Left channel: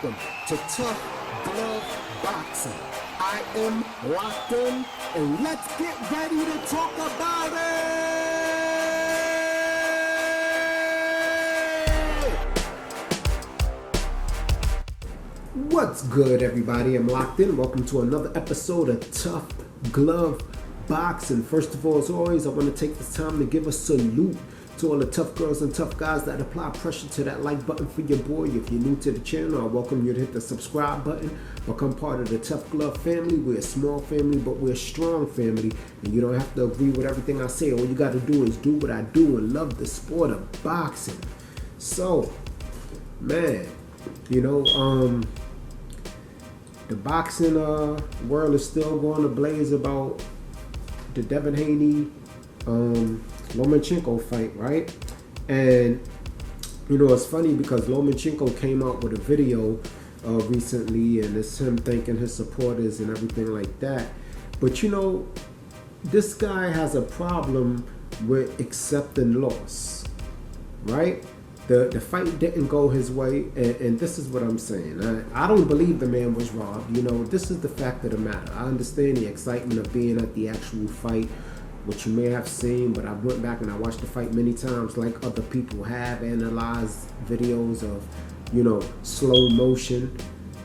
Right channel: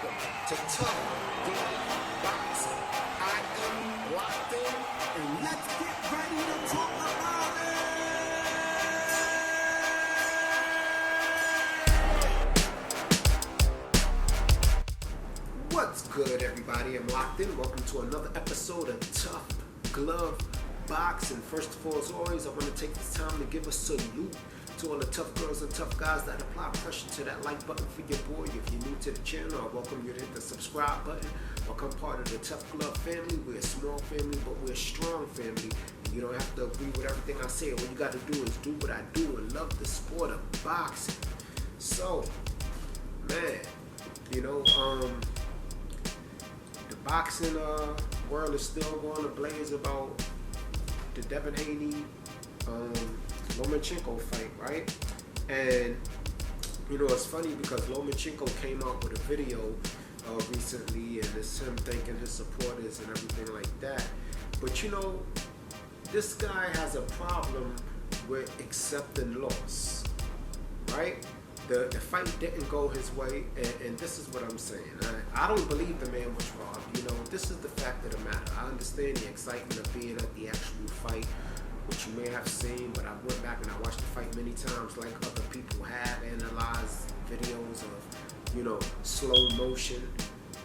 Welcome to Tough Glove Boxing. I am locked in, and let's get ready to talk about it! What's good, everybody? I'm locked in. Welcome to another episode of Tough Glove Boxing. First of all, as always, I want to take this time to give a salute to all the tough girls and tough guys that apply pressure to that like button for your boy. If you're new to the channel, I welcome you to hit the subscribe button. Become part of the Tough Glove family. We're a small family, but we're a strong family. And you don't have to agree with everything I say. All you got to do is do what I do and love the sport of boxing. So, man, you know, the boxing world is still going ablaze about the Devin Haney Lomachenko fight, right? And you know, it's funny because Lomachenko came out with a video recently, and it's him thanking his supporters and everything like that. But you know, this guy has a problem with accepting loss, right? The fight didn't go his way, and this is what I'm saying. I don't believe the man was robbed. You know, this is the fact of the matter. I understand the excitement of being at the actual fight, which you may have seen, but I went back and I watched the fight many times, like other people have, analyzed videos of, you know, slow motion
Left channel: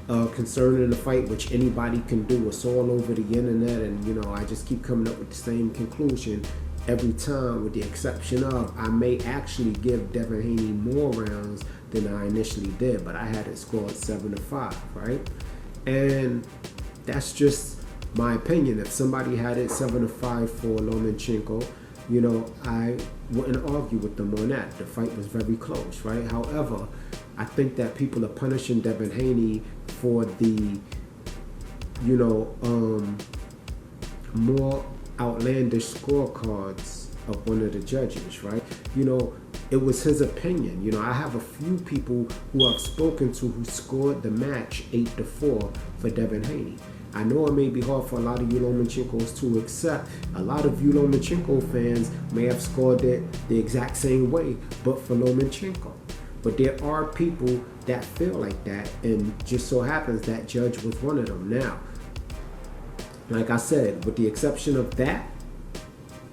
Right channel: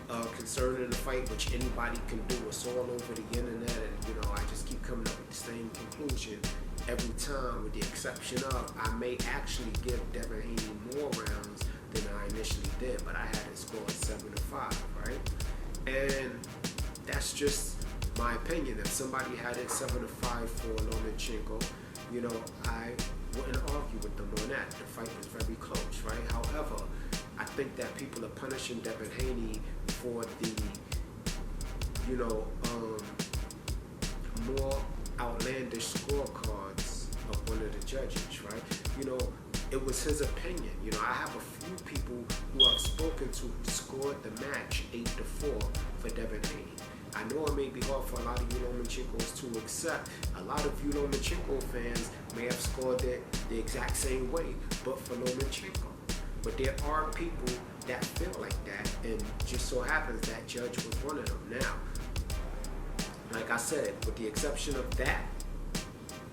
concerning the fight, which anybody can do. It's all over the internet, and you know, I just keep coming up with the same conclusion every time, with the exception of I may actually give Devin Haney more rounds than I initially did, but I had it scored 7-5, right? And that's just my opinion. If somebody had it 7-5 for Lomachenko, you know, I wouldn't argue with them on that. The fight was very close, right? However, I think that people are punishing Devin Haney for the, you know, more outlandish scorecards of one of the judges, right? You know, it was his opinion. You know, I have a few people who I've spoken to who scored the match 8-4 for Devin Haney. I know it may be hard for a lot of you Lomachenkos to accept. A lot of you Lomachenko fans may have scored it the exact same way, but for Lomachenko. But there are people that feel like that, and just so happens that judge was one of them. Now, like I said, with the exception of that,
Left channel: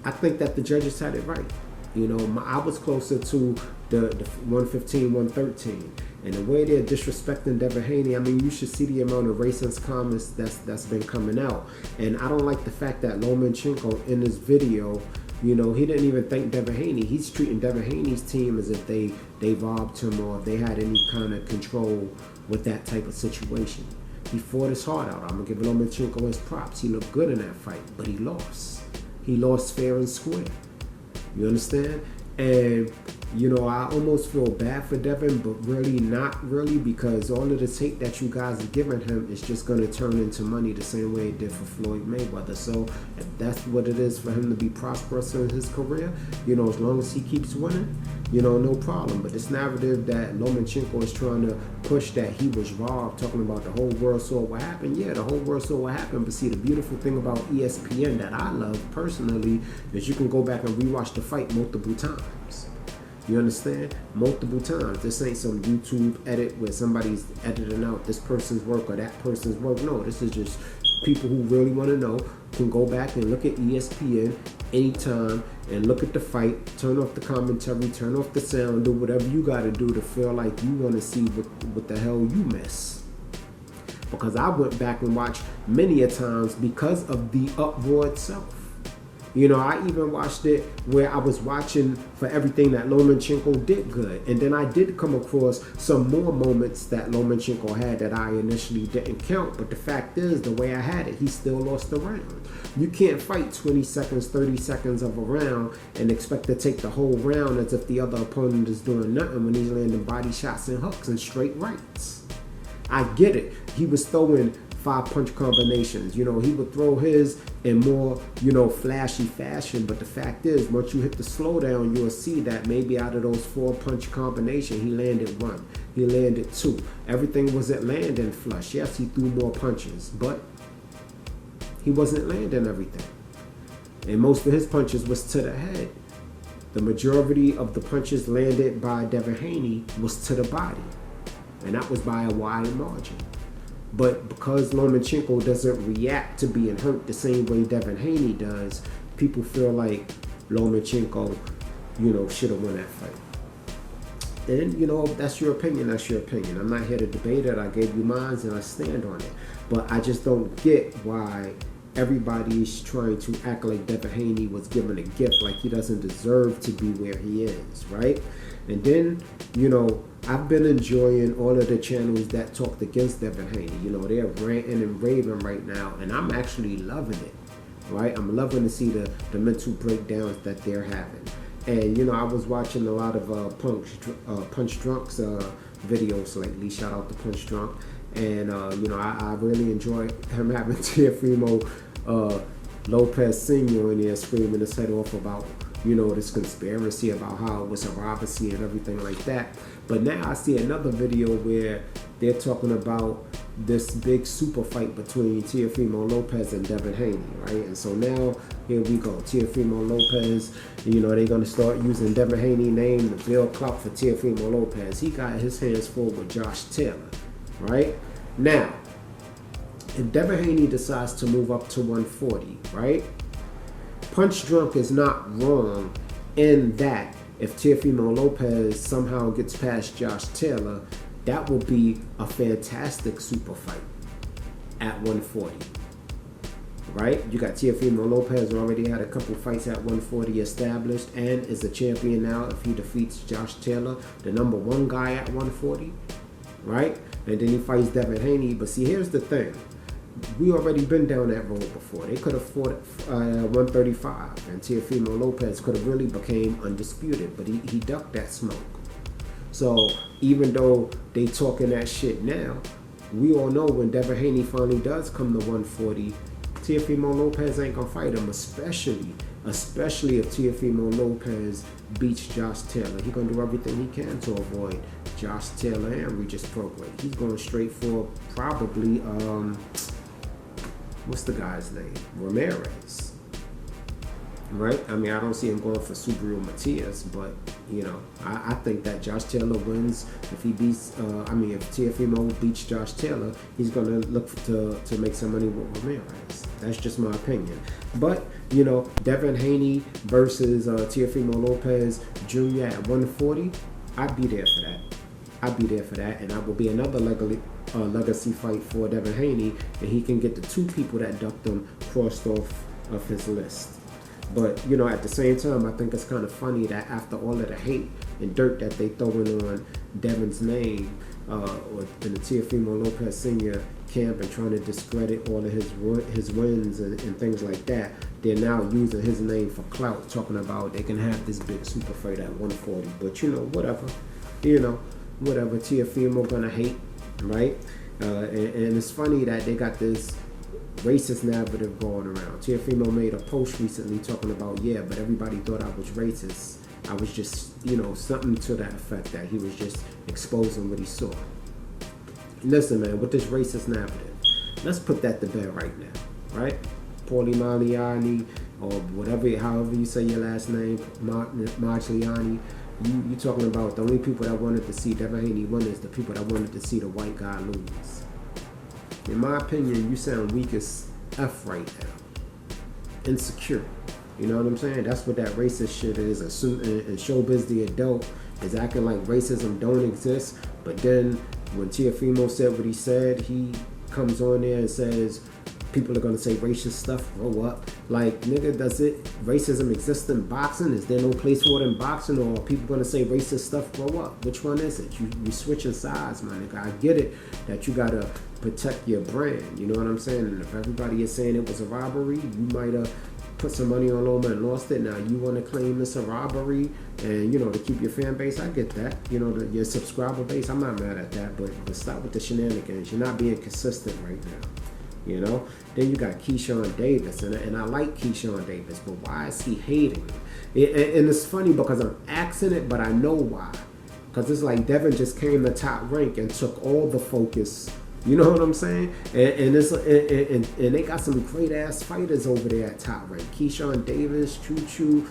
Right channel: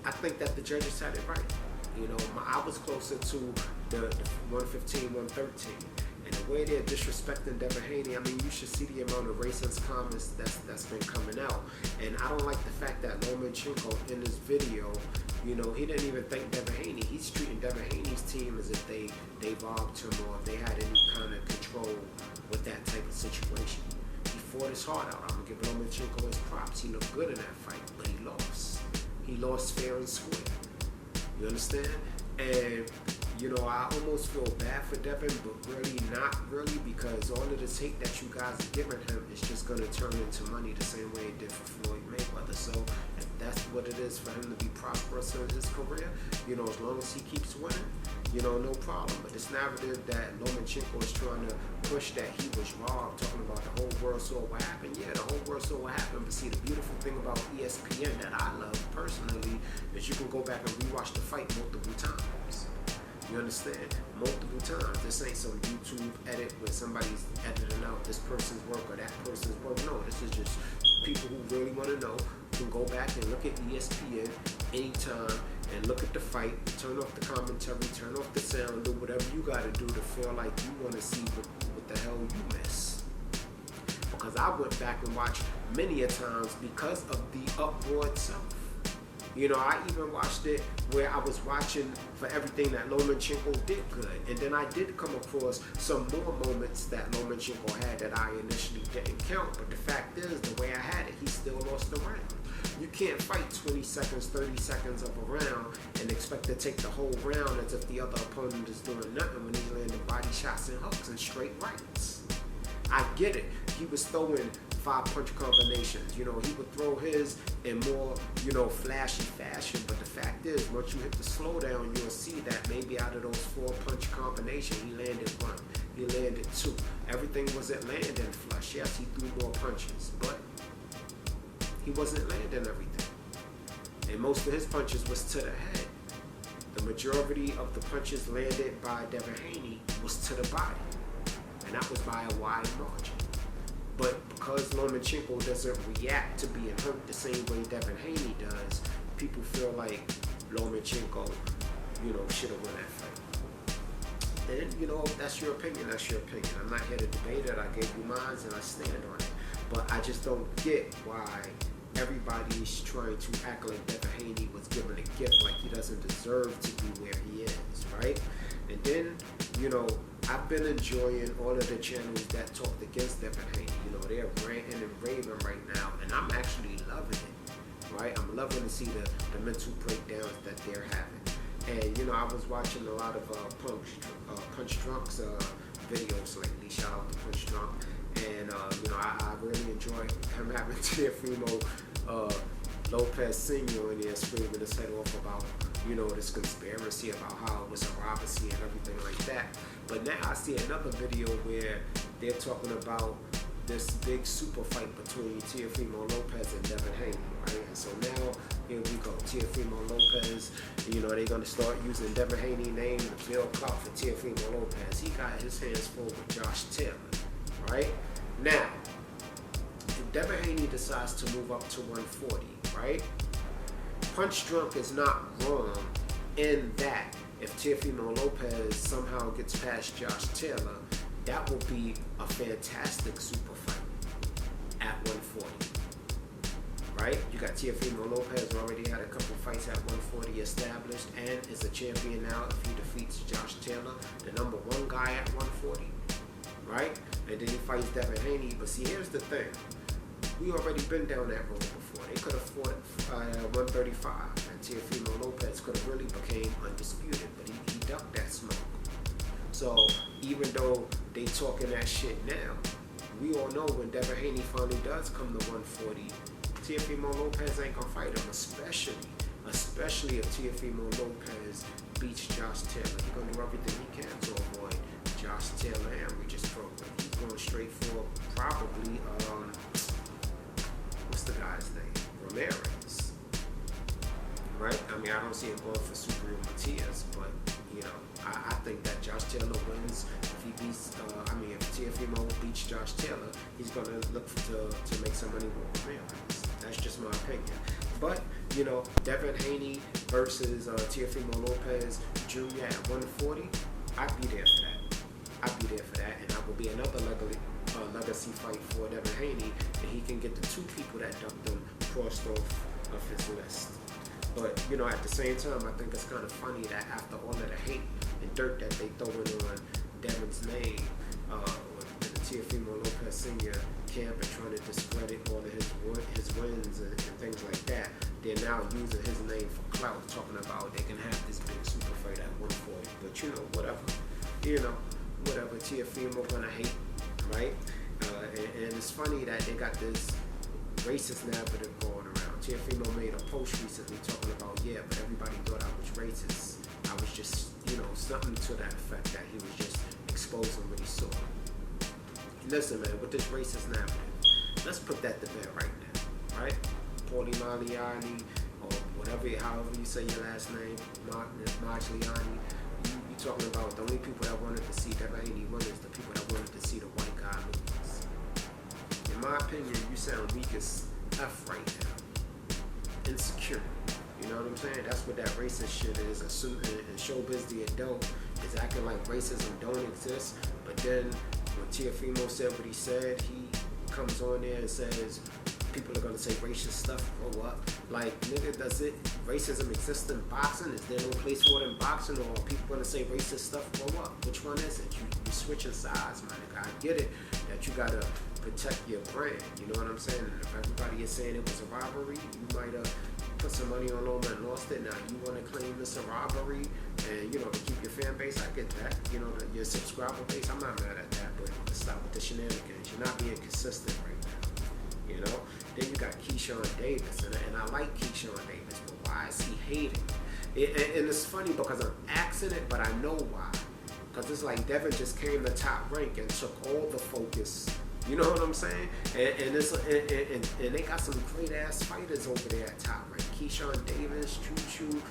I think that the judges had it right. You know, I was closer to the 115, 113. And the way they're disrespecting Devin Haney, I mean, you should see the amount of racist comments that's been coming out. And I don't like the fact that Lomachenko in this video, you know, he didn't even thank Devin Haney. He's treating Devin Haney's team as if they robbed him, or if they had any kind of control with that type of situation. He fought his heart out. I'm going to give Lomachenko his props. He looked good in that fight, but he lost. He lost fair and square. You understand? And, you know, I almost feel bad for Devin, but really not really, because all of the tape that you guys are giving him is just going to turn into money the same way it did for Floyd Mayweather. So if that's what it is for him to be prosperous in his career, you know, as long as he keeps winning, you know, no problem. But this narrative that Lomachenko is trying to push, that he was robbed, talking about the whole world saw what happened. Yeah, the whole world saw what happened. But see, the beautiful thing about ESPN that I love personally is you can go back and rewatch the fight multiple times. You understand? Multiple times. This ain't some YouTube edit where somebody's editing out this person's work or that person's work. No, this is just people who really want to know can go back and look at ESPN anytime and look at the fight, turn off the commentary, turn off the sound, do whatever you got to do to feel like you want to see what the hell you miss. Because I went back and watched many a times because of the uproar itself. You know, I even watched it where I was watching for everything that Lomachenko did good. And then I did come across some more moments that Lomachenko had that I initially didn't count. But the fact is, the way I had it, he still lost the round. You can't fight 20 seconds, 30 seconds of a round and expect to take the whole round as if the other opponent is doing nothing when he's landing body shots and hooks and straight rights. I get it. He was throwing 5-punch combinations. You know, he would throw his in more, you know, flashy fashion. But the fact is, once you hit the slowdown, you'll see that maybe out of those 4-punch combination, he landed 1. He landed 2. Everything wasn't landing flush. Yes, he threw more punches, but he wasn't landing everything. And most of his punches was to the head. The majority of the punches landed by Devin Haney was to the body. and that was by a wide margin. But because Lomachenko doesn't react to being hurt the same way Devin Haney does, people feel like Lomachenko, should have won that fight. And, that's your opinion, that's your opinion. I'm not here to debate it. I gave you mine and I stand on it. But I just don't get why everybody's trying to act like Devin Haney was given a gift, like he doesn't deserve to be where he is, right? And then, I've been enjoying all of the channels that talked against Devin Haney. They're ranting and raving right now, and I'm actually loving it, right? I'm loving to see the mental breakdowns that they're having. And, I was watching a lot of Punch Drunk's videos lately. Shout out to Punch Drunk. And, I really enjoy him having Teofimo Lopez Sr. in there screaming his head off about, this conspiracy about how it was a robbery and everything like that. But now I see another video where they're talking about this big super fight between Teofimo Lopez and Devin Haney, right? And so now, here we go. Teofimo Lopez, they're going to start using Devin Haney's name to build clout for Teofimo Lopez. He got his hands full with Josh Taylor, right? Now, if Devin Haney decides to move up to 140, right? Punch Drunk is not wrong in that if Teofimo Lopez somehow gets past Josh Taylor, that will be a fantastic super fight at 140, right? You got Teofimo Lopez already had a couple fights at 140 established and is a champion now if he defeats Josh Taylor, the number one guy at 140, right? And then he fights Devin Haney. But see, here's the thing. We already been down that road before. They could have fought 135, and Teofimo Lopez could have really became undisputed, but he ducked that smoke. So even though they talking that shit now, we all know when Devin Haney finally does come to 140, Teofimo Lopez ain't gonna fight him, especially if Teofimo Lopez beats Josh Taylor. He's gonna do everything he can to avoid Josh Taylor and Regis Prograis. He's going straight for probably what's the guy's name? Ramirez. Right? I mean, I don't see him going for Subriel Matias, but I think that Josh Taylor wins if he beats. If Teofimo beats Josh Taylor, he's gonna look to make some money with Ramirez. That's just my opinion. But Devin Haney versus Teofimo Lopez Jr. at 140, I'd be there for that. And that will be another legacy fight for Devin Haney, and he can get the two people that ducked him crossed off of his list. But, at the same time, I think it's kind of funny that after all of the hate and dirt that they throwing on Devin's name in the Teofimo Lopez Sr. camp and trying to discredit all of his wins and things like that, they're now using his name for clout, talking about they can have this big super fight at 140. But, whatever. Whatever. Teofimo gonna hate, right? And it's funny that they got this racist narrative going around. Teofimo made a post recently talking about, but everybody thought I was racist. I was just, something to that effect, that he was just exposing what he saw. Listen, man, with this racist narrative, let's put that to bed right now, right? Paulie Maliani, or whatever, however you say your last name, Margiani, you talking about the only people that wanted to see Devin Haney win is the people that wanted to see the white guy lose. In my opinion, you sound weak as F right now. Insecure. You know what I'm saying? That's what that racist shit is. And Showbiz the adult is acting like racism don't exist. But then when Teofimo said what he said, he comes on there and says people are going to say racist stuff, grow up. Like, nigga, does racism exist in boxing? Is there no place for it in boxing? Or are people going to say racist stuff, grow up? Which one is it? You switching sides, my nigga. I get it that you got to protect your brand. You know what I'm saying? And if everybody is saying it was a robbery, you might have put some money on Loma and lost it. Now you want to claim it's a robbery and, to keep your fan base. I get that. Your subscriber base, I'm not mad at that. But stop with the shenanigans. You're not being consistent right now. Then you got Keyshawn Davis, and I like Keyshawn Davis, but why is he hating? And it's funny because I'm asking it, but I know why. Because it's like Devin just came to top rank and took all the focus. You know what I'm saying? And they got some great ass fighters over there at top rank. Keyshawn Davis, Choo,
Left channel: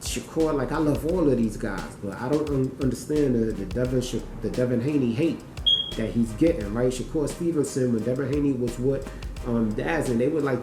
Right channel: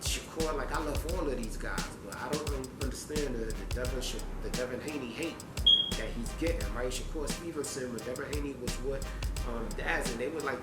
Shakur. Like, I love all of these guys, but I don't understand the Devin Haney hate. that he's getting, right? Shakur Stevenson, when Devin Haney was with Daz, and they were like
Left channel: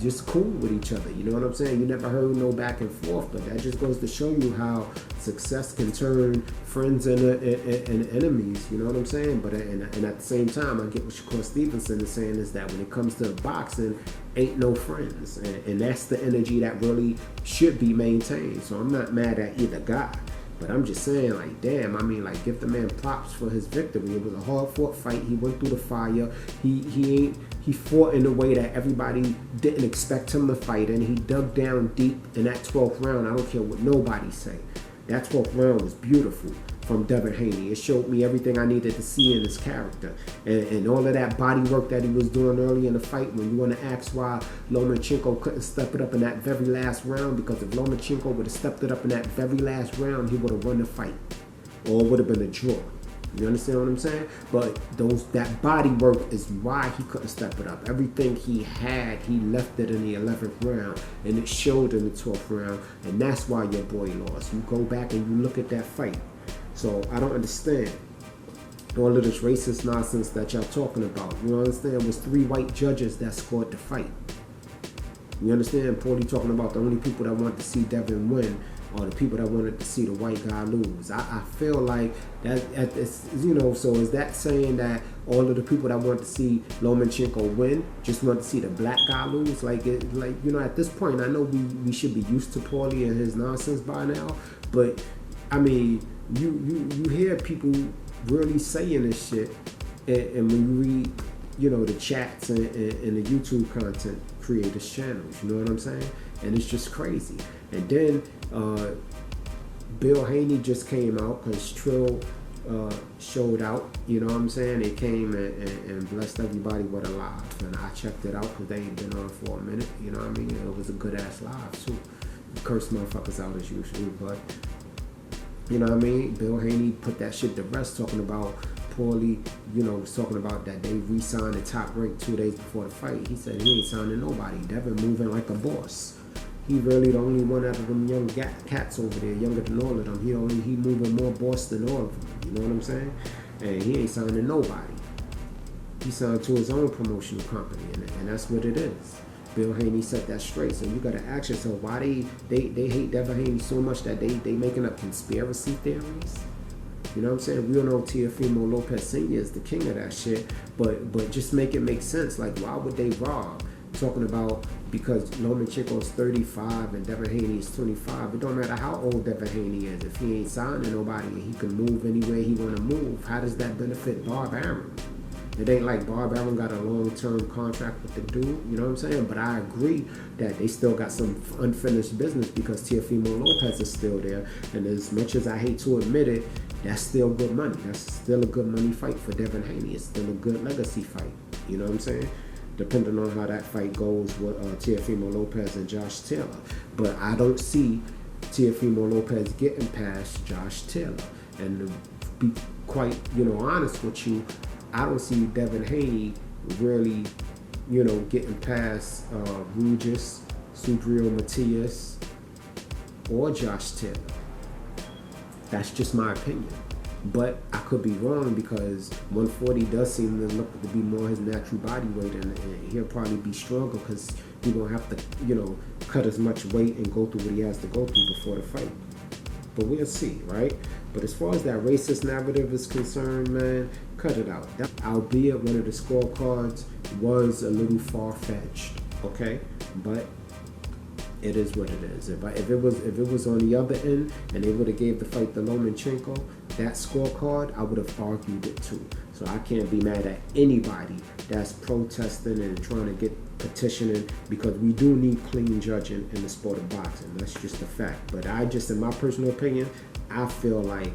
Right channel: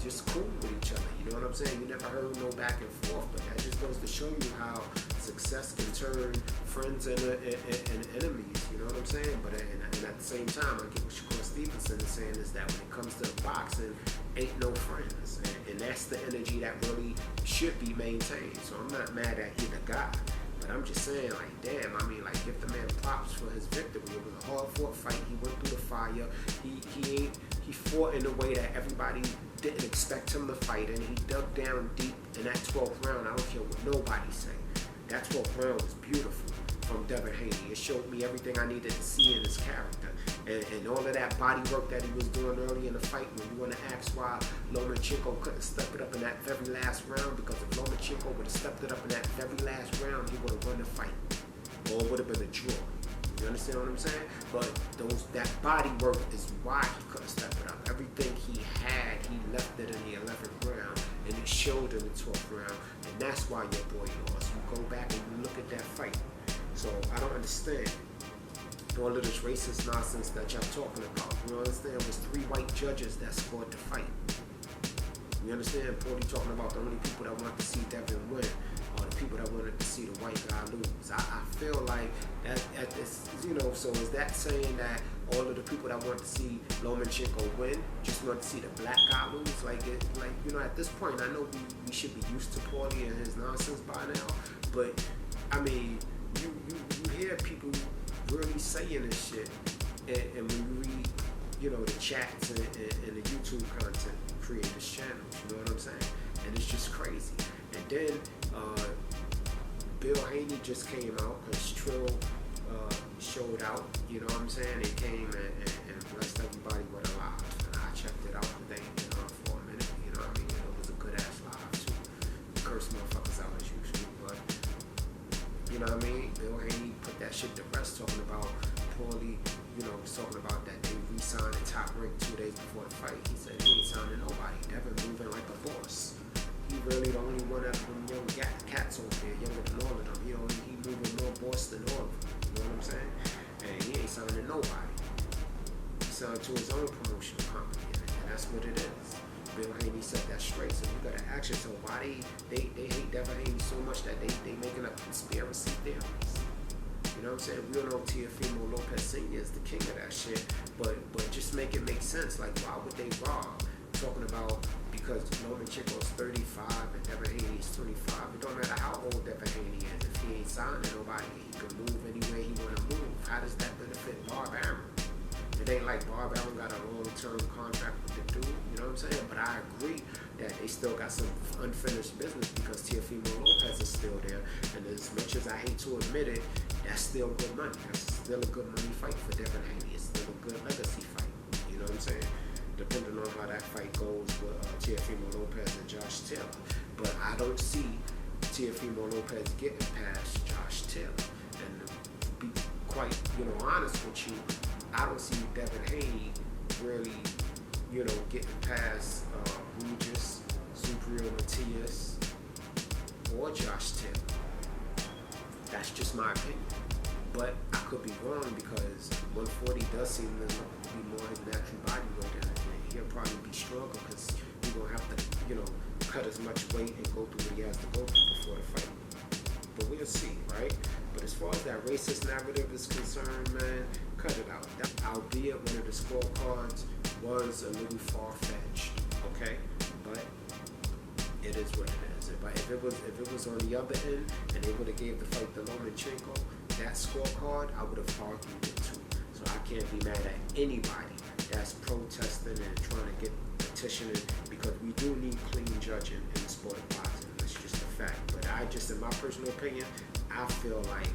just cool with each other. You know what I'm saying? You never heard no back and forth, but that just goes to show you how success can turn friends and enemies. You know what I'm saying? But and at the same time, I get what Shakur Stevenson is saying is that when it comes to boxing, ain't no friends, and that's the energy that really should be maintained. So I'm not mad at either guy. But I'm just saying, like, damn, I mean, like, give the man props for his victory. It was a hard-fought fight. He went through the fire. He fought in a way that everybody didn't expect him to fight, and he dug down deep in that 12th round. I don't care what nobody say. That 12th round was beautiful from Devin Haney. It showed me everything I needed to see in his character. And all of that body work that he was doing early in the fight, when you want to ask why Lomachenko couldn't step it up in that very last round, because if Lomachenko would have stepped it up in that very last round, he would have won the fight. Or it would have been a draw. You understand what I'm saying? But that body work is why he couldn't step it up. Everything he had, he left it in the 11th round, and it showed in the 12th round, and that's why your boy lost. You go back and you look at that fight. So I don't understand all of this racist nonsense that y'all talking about. You understand? It was 3 white judges that scored the fight. You understand? Paulie talking about the only people that wanted to see Devin win are the people that wanted to see the white guy lose. I feel like that, you know, so is that saying that all of the people that want to see Lomachenko win just want to see the black guy lose? Like, you know, at this point, I know we should be used to Paulie and his nonsense by now, but I mean, you hear people really saying this shit, and when you read, you know, the chats and the YouTube content creators channels, you know what I'm saying? And it's just crazy. And then Bill Haney just came out because Trill showed out, you know what I'm saying? They came and blessed everybody with a live, and I checked it out because they ain't been on for a minute, you know what I mean? It was a good ass live too. You curse motherfuckers out as usual, but you know what I mean? Bill Haney put that shit to rest, talking about Paulie, you know, was talking about that they re-signed the Top Rank 2 days before the fight. He said he ain't signing nobody. Devin moving like a boss. He really the only one out of them young cats over there, younger than all of them. He moving more boss than all of them. You know what I'm saying? And he ain't signing nobody. He signed to his own promotional company, and that's what it is. Bill Haney set that straight. So you gotta ask yourself why they hate Devin Haney so much that they making up conspiracy theories. You know what I'm saying? We all know Teofimo Lopez Sr. is the king of that shit, but just make it make sense. Like, why would they rob? Talking about because Lomachenko is 35 and Devin Haney is 25. It don't matter how old Devin Haney is. If he ain't signing nobody and he can move anywhere he want to move, how does that benefit Barb Arum? It ain't like Barb Arum got a long-term contract with the dude, you know what I'm saying? But I agree that they still got some unfinished business because Teofimo Lopez is still there. And as much as I hate to admit it, that's still good money. That's still a good money fight for Devin Haney. It's still a good legacy fight, you know what I'm saying? Depending on how that fight goes with Teofimo Lopez and Josh Taylor. But I don't see Teofimo Lopez getting past Josh Taylor. And to be quite, you know, honest with you, I don't see Devin Haney really, you know, getting past Regis, Subriel Matias, or Josh Taylor. That's just my opinion. But I could be wrong because 140 does seem to look to be more his natural body weight, and he'll probably be stronger because he won't have to, you know, cut as much weight and go through what he has to go through before the fight. But we'll see, right? But as far as that racist narrative is concerned, man, cut it out. Albeit one of the scorecards was a little far-fetched, okay? But it is what it is. If it was on the other end and they would have gave the fight to Lomachenko, that scorecard, I would have argued it too. So I can't be mad at anybody that's protesting and trying to get petitioning, because we do need clean judging in the sport of boxing. That's just a fact. But I just, in my personal opinion, I feel like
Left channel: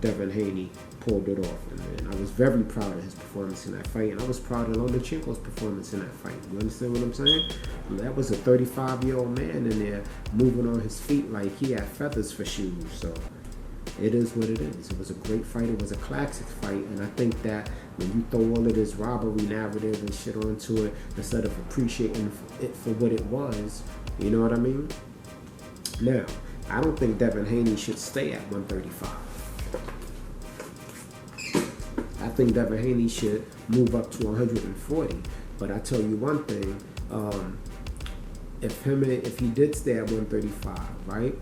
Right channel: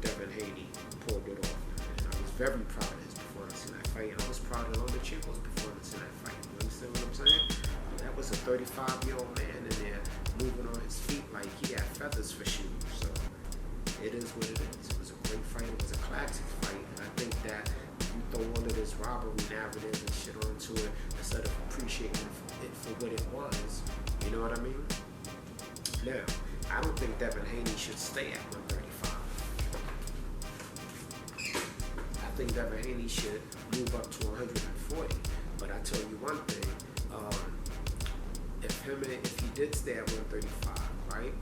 Devin Haney pulled it off, and I was very proud of his performance in that fight, and I was proud of Lomachenko's performance in that fight. You understand what I'm saying? That was a 35-year-old man in there moving on his feet like he had feathers for shoes. So it is what it is. It was a great fight. It was a classic fight, and I think that when you throw all of this robbery narrative and shit onto it instead of appreciating it for what it was, you know what I mean? Now, I don't think Devin Haney should stay at 135. I think Devin Haney should move up to 140. But I tell you one thing, if he did stay at 135, right?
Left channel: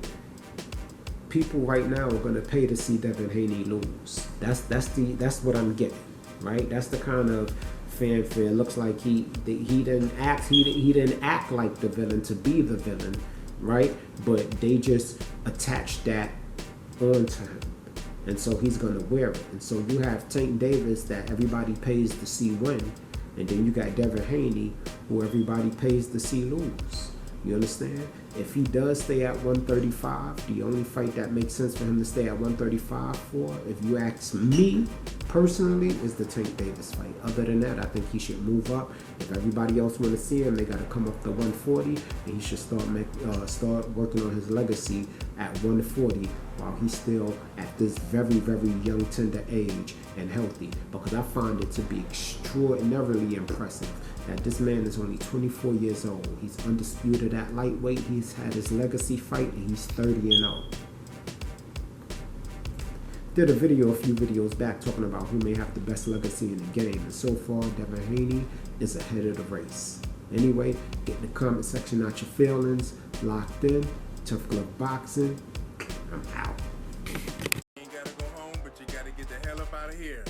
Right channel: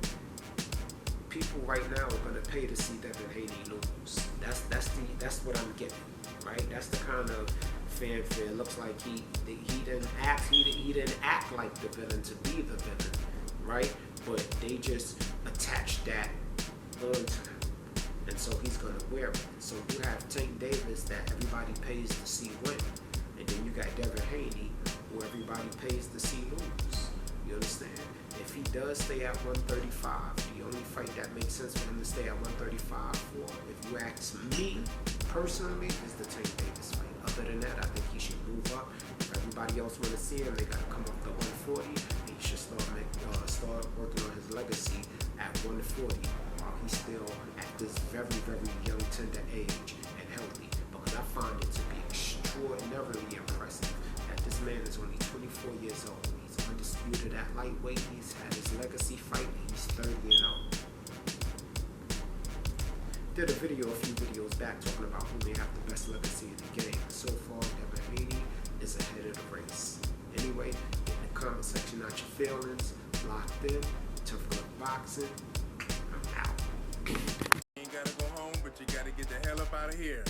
People right now are gonna pay to see Devin Haney lose. That's what I'm getting, right? That's the kind of fanfare. Looks like he didn't act like the villain to be the villain, right? But they just attached that onto him, and so he's gonna wear it. And so you have Tank Davis that everybody pays to see win, and then you got Devin Haney who everybody pays to see lose. You understand? If he does stay at 135, the only fight that makes sense for him to stay at 135 for, if you ask me personally, is the Tank Davis fight. Other than that, I think he should move up. If everybody else want to see him, they got to come up to 140, and he should start working on his legacy at 140 while he's still at this very, very young, tender age and healthy. Because I find it to be extraordinarily impressive that this man is only 24 years old. He's undisputed at lightweight. He's had his legacy fight, and he's 30-0. Did a video a few videos back talking about who may have the best legacy in the game, and so far Devin Haney is ahead of the race. Anyway, get in the comment section out your feelings. Locked in, Tough Glove Boxing. I'm out. You ain't gotta go home, but you gotta get the hell up out of here.